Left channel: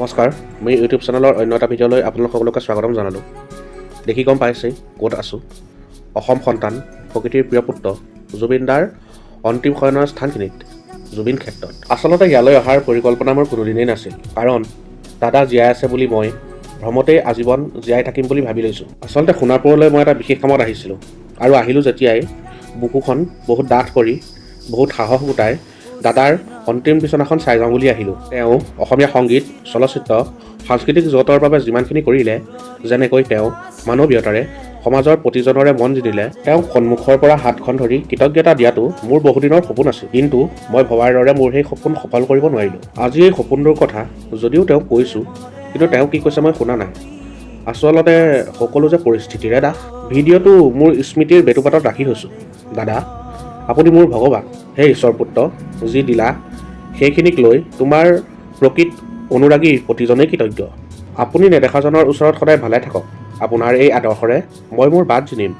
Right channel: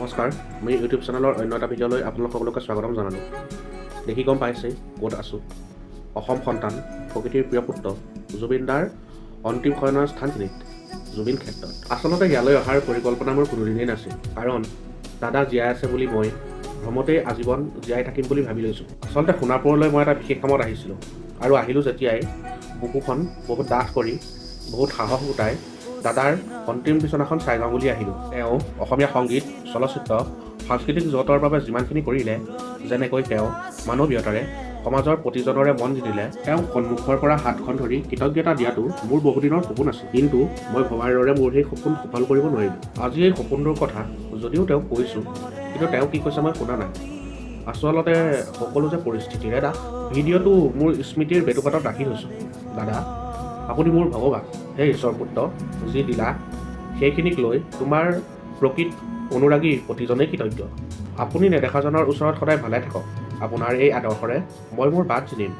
নমস্কাৰ, মোৰ ইউটিউব চেনেলৰ অন্য এটা ভিডিঅ'লৈ আপোনালোক সকলোকে স্বাগতম জনালোঁ। দেখি গম পাইছেই ক'ত আছোঁ। অসম সন্তান, প্ৰকৃতিৰ প্ৰিয় পুত্ৰ জুবিন দাৰ অন্তিম শয়নৰ স্থানখিনিত, জুবিন ক্ষেত্ৰত। আচলতে ইয়ালৈ অহাৰ পৰিকল্পনা মোৰ কোনোদিনেই নাছিল, কাৰণ দাদা জীয়াই আছে বুলি মই ভ্ৰমতেই আজীৱন জীয়াই থাকিম বুলি ভাবি লৈছোঁ। আচলতে সোণাপুৰলৈ মই এটা বিশেষ কামত আহিছিলোঁ, আৰু আহিলোঁ যেতিয়াই বুকুখন বহুত ডাঠ কৰি, বহুত সাহস গোটাই দাদাৰ অন্তিম বিচনাখন চাই যাওঁ বুলি আহিলোঁ। তেওঁ অসমীয়া সংগীত, চলচ্চিত্ৰ, সাংস্কৃতিক জগতৰ বাবে যিমানখিনি কৰিলে, যেনেকৈ তেওঁ মানৱীয়তাৰে সমাজৰ প্ৰতিজনৰে মন জিনিলে, তেওঁক সন্মুখৰ পৰা হাতখন ধৰি কৃতজ্ঞতা দিয়াটো মোৰ বহুদিনৰ সপোন আছিল। কিন্তু মই ভবাৰ দৰে মোৰ সেই সপোন সফল কৰিব নোৱাৰিলোঁ। আজি এই সপোনটোৰ কথা যদিও তেওঁক কৈছোঁ, কিন্তু তেওঁ কি কৈছে মই শুনা নাই। আচলতে সকলো যে পৰিস্থিতিৰে দাস। ভিডিঅ'টো মোৰ স্মৃতিৰ বেটুপাতত ৰাখি থৈছোঁ। দাদা, আপুনি মোৰ ভগৱান, হে ঈশ্বৰ পুত্ৰ, যি দিলা সেইখিনিক লৈ তোমাৰ প্ৰকৃত অনুৰাগী প্ৰতিজনেই কৃতজ্ঞ। আপুনি নেদেখাজনৰ ওচৰত সদায় ভালে থাকক। আপোনাৰ এই আদৰ্শৰে মই মোৰ বাট জিনিম।